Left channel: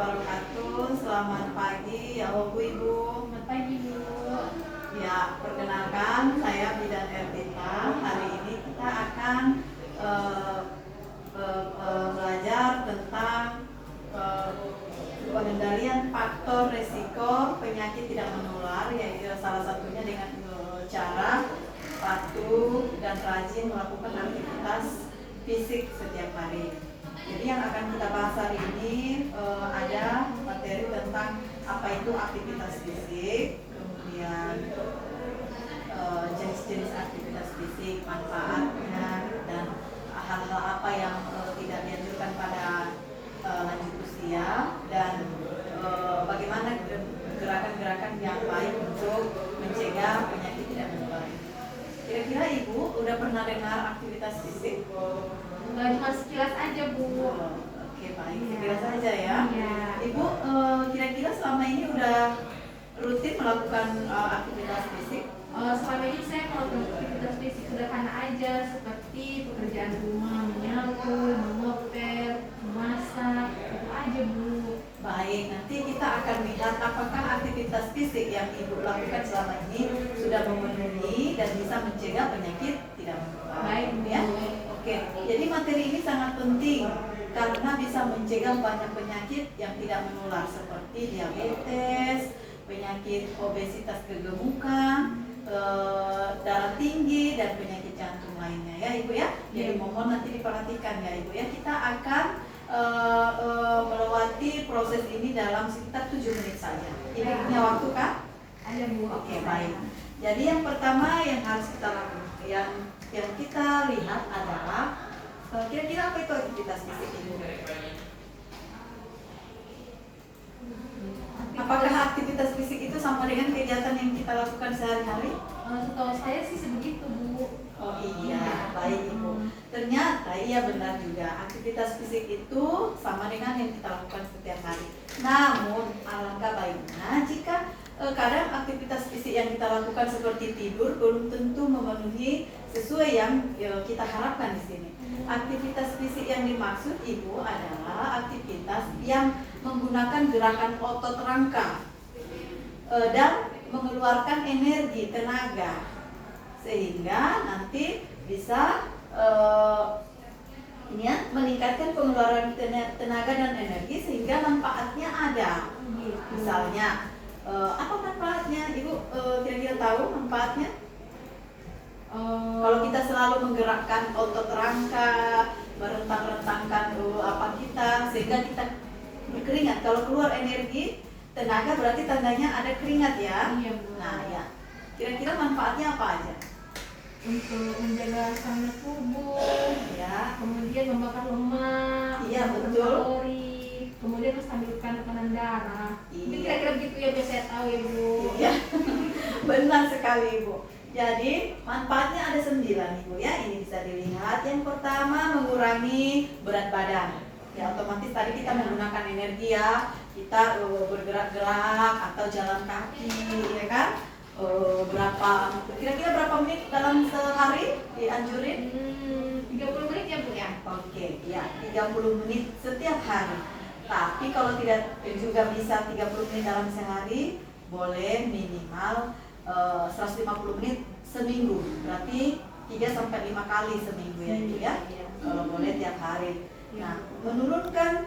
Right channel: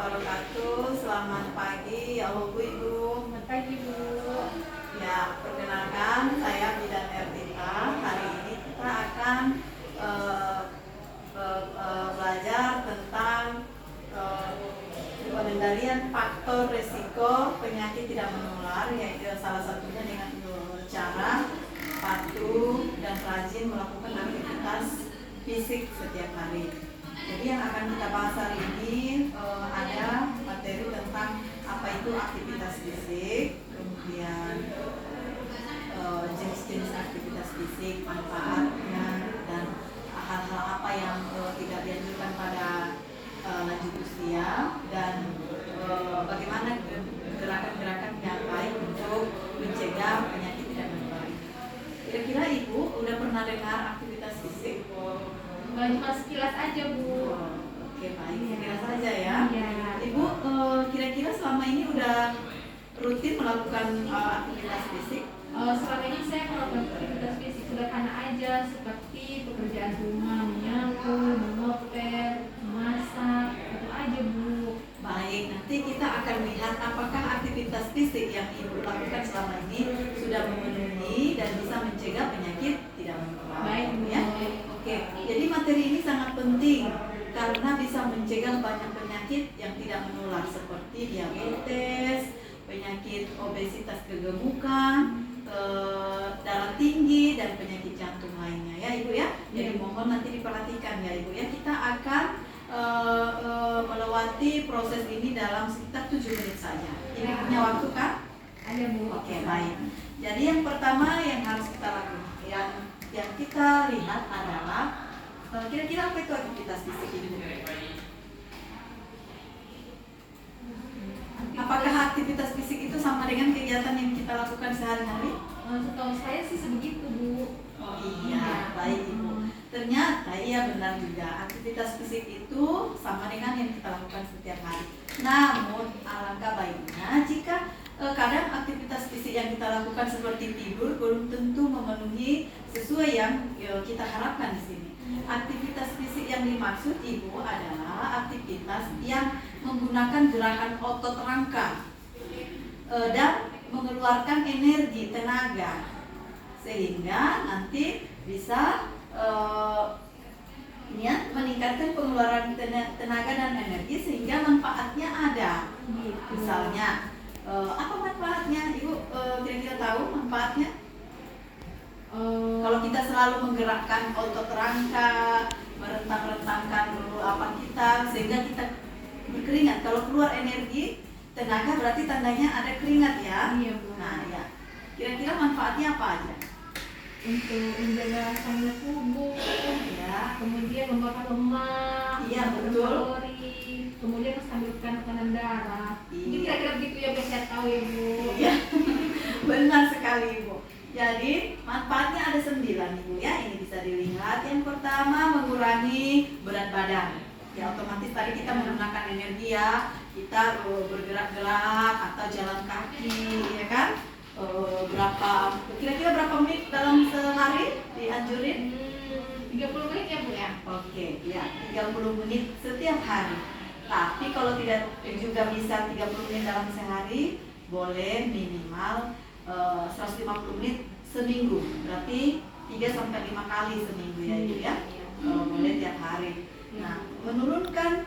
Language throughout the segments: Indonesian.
wabarakatuh. Selamat pagi, ya Bu Ibu. Selamat pagi Bu. Ya, perkenalkan saya Bidan Ertita. Hari ini kita akan belajar tentang pengendalian faktor risiko penyakit tidak menular, yaitu salah satunya dengan cara patuh dan rajin melakukan aktivitas fisik setiap hari. Jadi yang akan kita bahas hari ini ada materi tentang apa itu aktivitas fisik, kemudian jenis-jenis aktivitas fisik, manfaatnya, dan hal-hal apa yang tidak dianjurkan pada lanjut usia, dan bagaimana gerakan-gerakan yang baik untuk mencegah penyakit tidak menular. Kira-kira Ibu udah pernah dengar aktivitas fisik? Cuma sekilas aja Bu. Oke, baik, sekilas saja ya. Iya. Ibu kira-kira selama ini udah rutin melakukan aktivitas fisik? Selama ini saya melakukan aktivitas fisik sederhana aja, seperti pekerjaan rumah, menyapu, mengepel, memasak, itu aja Bu. Baik, nanti kita akan lihat apakah aktivitas fisik yang Ibu lakukan selama ini sudah memenuhi dan bisa mencegah penyakit tidak menular. Baik Bu. Ya. Oke, jadi materi ini sangat penting karena bisa mencegah banyak penyakit yang tidak menular seperti diabetes, penyakit obesitas kegemukan, darah tinggi, dan penyakit jantung lainnya ya Ibu ya. Jadi mohon nanti diperhatikan ya Ibu ya. Kita akan melewati proses ini dalam sekitar 7 menit saja. Ini punya waktu kan? Ada Bu. Oke, baik. Jadi yang pertama yang harus kita lakukan, yang kita lihat adalah kira-kira apa itu aktivitas fisik itu? Apakah aktivitas fisik itu sama dengan kegiatan yang kita lakukan sehari-hari? Setahu saya sih sebegitu Bu. Oh iya, baik Ibu. Ternyata iya benar juga, aktivitas fisik itu sama dengan yang kita lakukan setiap hari. Namun alangkah baiknya jika kadang aktivitas fisik yang kita lakukan seperti tidur belum tentu memenuhi sesuai yang kita harapkan di sini. Aktivitas fisik yang dimaksud Ibu adalah aktivitas yang menggunakan gerakan otot rangka dan mengeluarkan energi, tenaga, sehingga nanti bisa meningkatkan pengeluaran tenaga dan energi sehingga manfaatnya ada. Misalnya apa manfaatnya Ibu kira-kira tahu manfaatnya? Kalau kita selalu menggerakkan otot rangka, merentang-rentangkan apa kita sehingga kita berkeringat. Kalau keluar energi, tenaga berarti tandanya ada keringat ya. Iya Bu. Nah ya, kira-kira manfaatnya apa aja? Untuk menjaga stamina tubuh, Ya, kemudian membakar lemak, Iya, membakar betul. kalori, kemudian menstabilkan tekanan darah. Iya. Itu kira-kira begitu ya biar saya tahu ya Bu. iya, benar sekali Ibu. Jadi manfaatnya ada 9 Ibu ya. Ini bisa dilihat. Yang pertama mengurangi berat badan. Ya otomatis tadi kita menggunakan energi ya. Kita bergerak-gerak atau jalan kaki ya kan. Kira-kira berapa menit dalam sehari dianjurin? 30 menit ya Bu ya. Oke, ya 30 menit setiap hari. Tapi kalau tidak juga bisa 30 menit dalam sehari, boleh minimal 150 menit seminggu. Berarti 3 sampai 5 kali seminggu ya Ibu ya. Kalau boleh tiap hari. Nah, menurunkan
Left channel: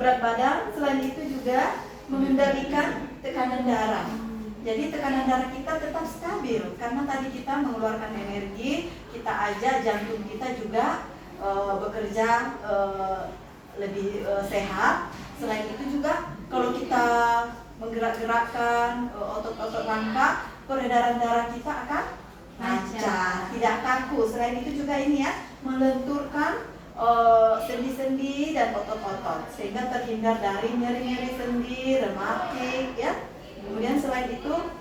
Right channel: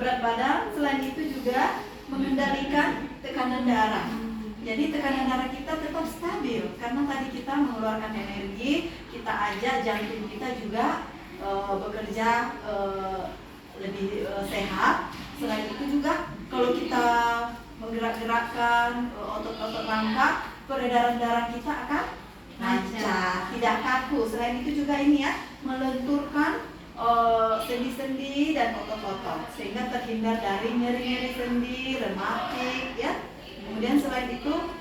berat badan, selain itu juga mengendalikan tekanan darah. Jadi tekanan darah kita tetap stabil karena tadi kita mengeluarkan energi, kita ajak jantung kita juga bekerja lebih sehat. Selain itu juga kalau kita menggerak-gerakkan otot-otot rangka, peredaran darah kita akan lancar, tidak kaku. Selain itu juga ini ya, melenturkan sendi-sendi dan otot-otot sehingga terhindar dari nyeri-nyeri sendi, rematik ya. Kemudian selain itu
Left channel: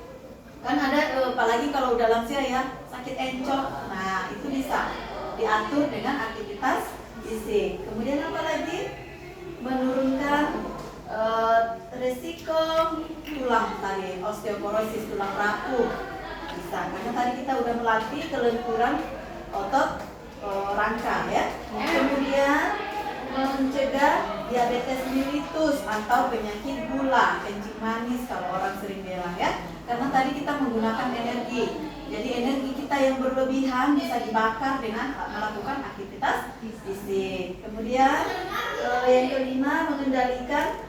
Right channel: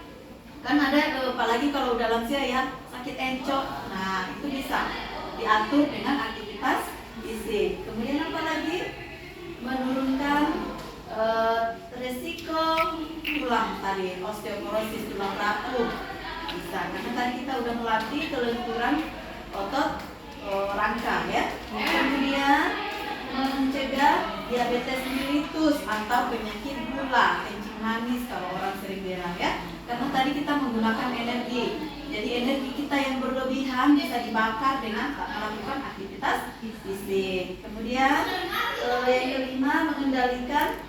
kan ada apalagi kalau udah lansia ya, sakit encok. Nah, itu bisa diatur dengan aktivitas fisik. Kemudian apa lagi? Menurunkan resiko tulang tadi, osteoporosis, tulang rapuh bisa, karena tadi kita udah melatih kelenturan otot rangka ya. Kemudian mencegah diabetes mellitus atau penyakit gula, kencing manis kalau orang sering bilang ya. Karena tadi kita menggunakan energi. Jadi energi kita yang berlebihan bisa dibakar dengan melakukan aktivitas fisik. Kemudian yang kelima, mengendalikan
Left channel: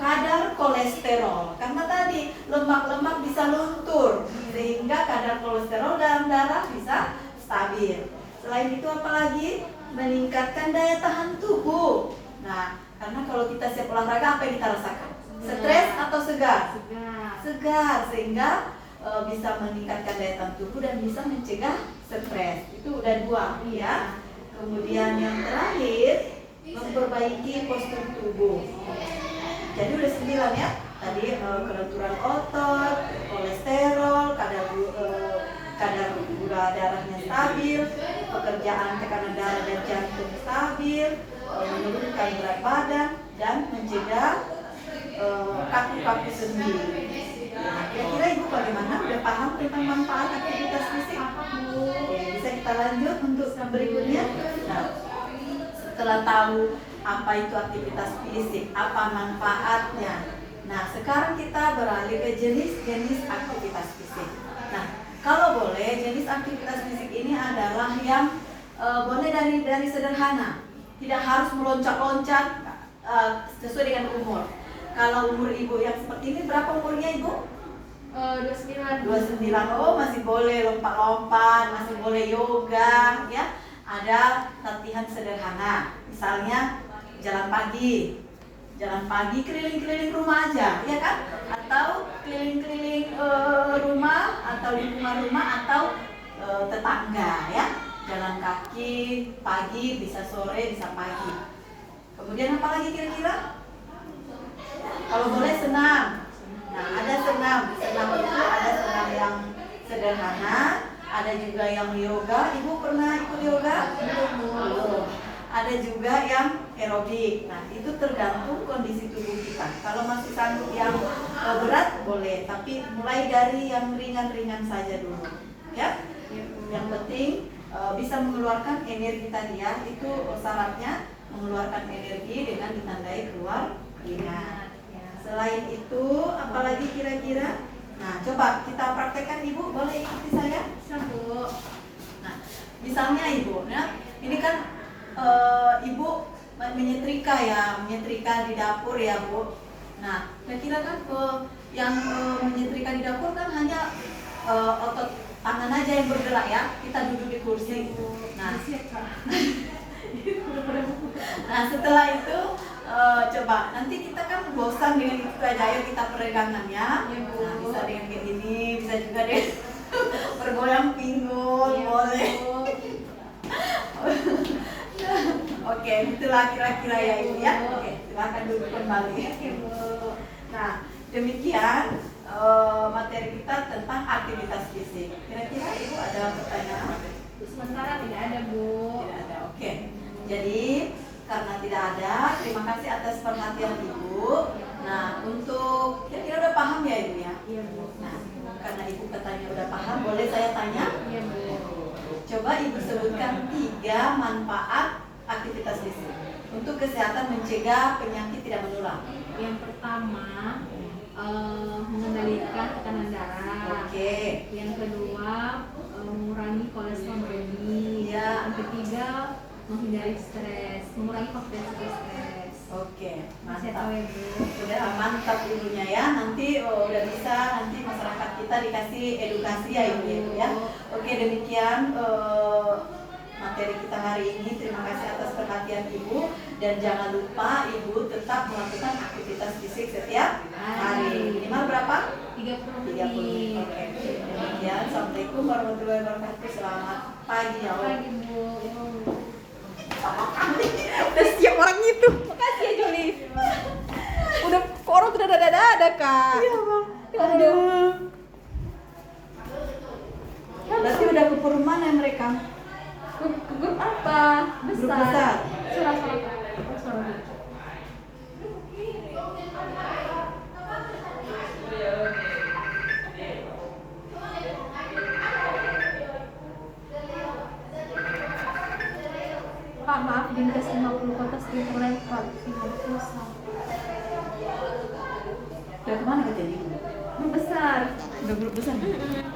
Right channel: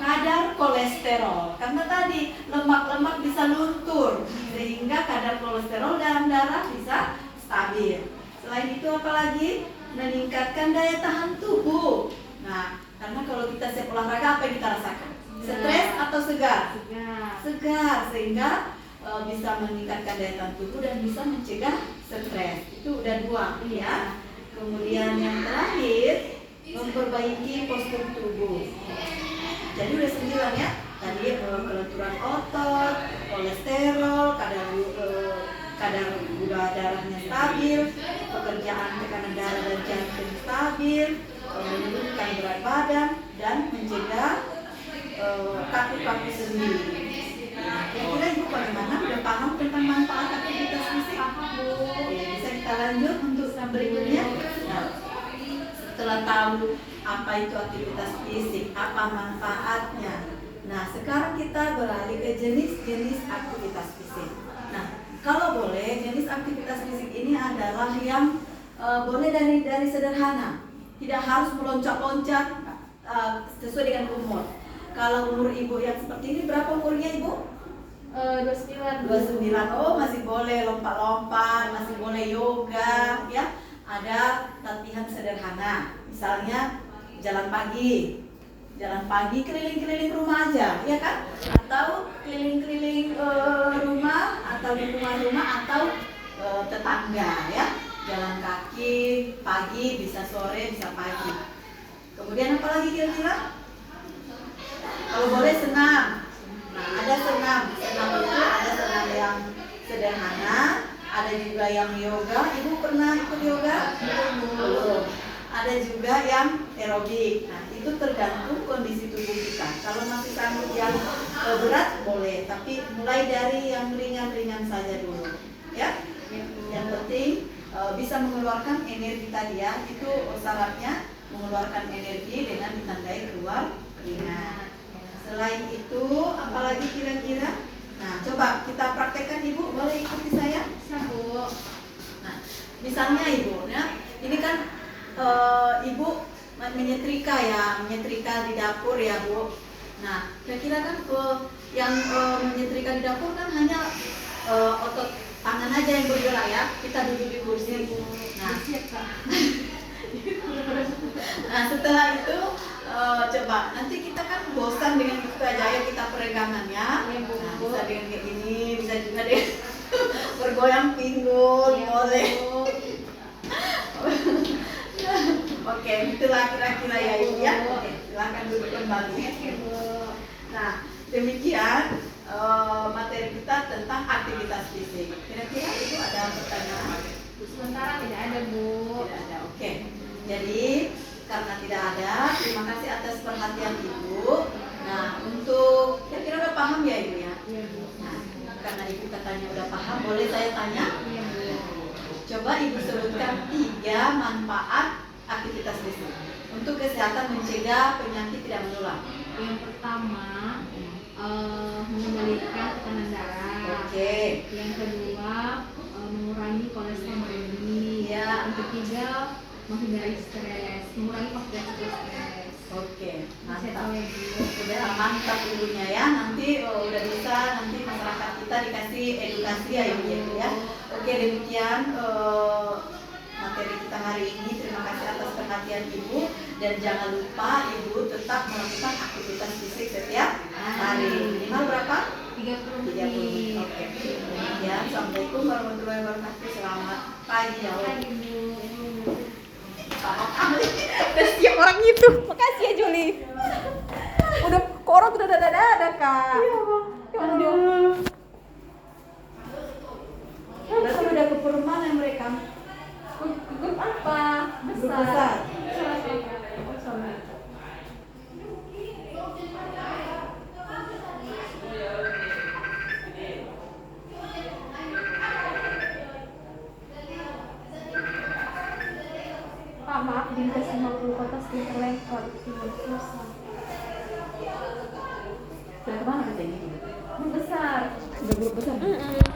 kadar kolesterol. Karena tadi lemak-lemak bisa luntur sehingga kadar kolesterol dalam darah bisa stabil. Selain itu apalagi meningkatkan daya tahan tubuh. Nah, karena kalau kita siap olahraga apa yang kita rasakan? Stres atau segar? Segar, sehingga bisa meningkatkan daya tahan tubuh dan bisa mencegah stres. Itu udah dua ya. Kemudian yang terakhir, memperbaiki postur tubuh. Jadi udah 9 ya. Tadi kelenturan otot, kolesterol, kadar gula darahnya stabil, pekerjaan tekanan darah dan jantung stabil, menurunkan berat badan dan mencegah kaku-kaku sendi. Kira-kira ibu bagaimana? Udah paham tentang manfaat aktivitas fisik? Oke, bisa kita lanjut untuk berikutnya. Nah, setelah tahu apa itu aktivitas fisik, apa manfaatnya. Nah, sekarang kita beralih ke jenis-jenis aktivitas fisik. Nah, kalau boleh, jenis aktivitas fisik ini adalah yang boleh dari sederhana, tidak harus meloncat-loncat sesuai dengan umur. Kalau umur ibu yang seperti ini, berapa umurnya ibu? 29. 29. Oh, masih boleh lompat-lompat, masih boleh yoga, ya. Ada latihan sederhana, misalnya jalan pagi keliling-keliling rumah aja, ya kan? Atau keliling-keliling rumah atau lingkungan rumah atau tetangga, ya. Jalan kaki pagi, bisa sore, bisa pagi. Kemudian apa lagi kira-kira? Kalau boleh senam. Nah, ada senam itu ada senam yang sederhana, ada juga yang yoga. Ibu pernah ikut yoga? Belum. Ada juga yang aerobik. Nah, itu tergantung kondisi tubuh kita. Kalau masih sanggup yang berat boleh, tapi mulai dari yang ringan-ringan saja dulu. Ya. Yang penting bisa mengeluarkan energi tadi ya. Itu syaratnya mengeluarkan energi dengan ditandai keluar keringat. Selain itu, apalagi kira-kira? Nah, coba kita praktekkan ibu, boleh ikuti saya? Bisa, Bu. Nah, misalnya ibu, ya, ini kan ibu menyetrika di dapur ya Bu. Nah, kira-kira kan yang menyetrika di dapur kan hanya otot tangan aja yang bergerak ya. Kita duduk di kursi. Nah, setelah itu coba nanti kita kan bosan dengan itu aja, ayo kita peregangan ya. Nah, bisa dengan kayak gini, bisa juga deh bergoyang pinggul, boleh. Oke, itulah kira-kira ya ibu ya. Oke, silakan duduk kembali. Nah, demikian materi kita tentang aktivitas fisik. Kira-kira ibu ada pertanyaan? Sementara tidak ada, Bu. Tidak ada. Oke. Jadi karena tidak ada, terima kasih atas perhatian ibu. Nah, untuk kira-kira udah paham ya ibu ya? Iya, Bu. Nah, karena ibu katanya udah paham, boleh saya tanya? Iya, Bu. Coba ibu sebutkan 3 manfaat aktivitas fisik untuk kesehatan mencegah penyakit tidak menular. Yang pertama, mengendalikan tekanan darah. Oke. Yang kedua, mengurangi kolesterol tinggi. Ya. Yang ketiga, menghindari stres, mengurangi faktor stres. Oke, Masih mantap. tahu ya, Bu. Udah mantap ibunya ya. Nanti udah bisa nanti masyarakat kita dikasih edukasi ya ibu ya. Oke, demikian materi kita hari ini. Terima kasih atas perhatian ibu dan jangan lupa ibu tetap melakukan aktivitas fisik setiap hari. Minimal berapa? 30 30 menit. Oke. Demikian. Assalamualaikum warahmatullahi wabarakatuh. Selamat pagi ya. Pagi, Bu. Udah siap orang itu. Makasih ya Juli. Udah kok orang tuh ada Kak. Aduh. Berarti udah ke perumahan mereka. Grup apa? Grup besar. Suara-suara. Oh, suara. Pak, maaf Dindas 50 kotak sudah terlempar, tinggal pulsa. Dan kemana kejadiannya? Membesar. Udah grup besar nih?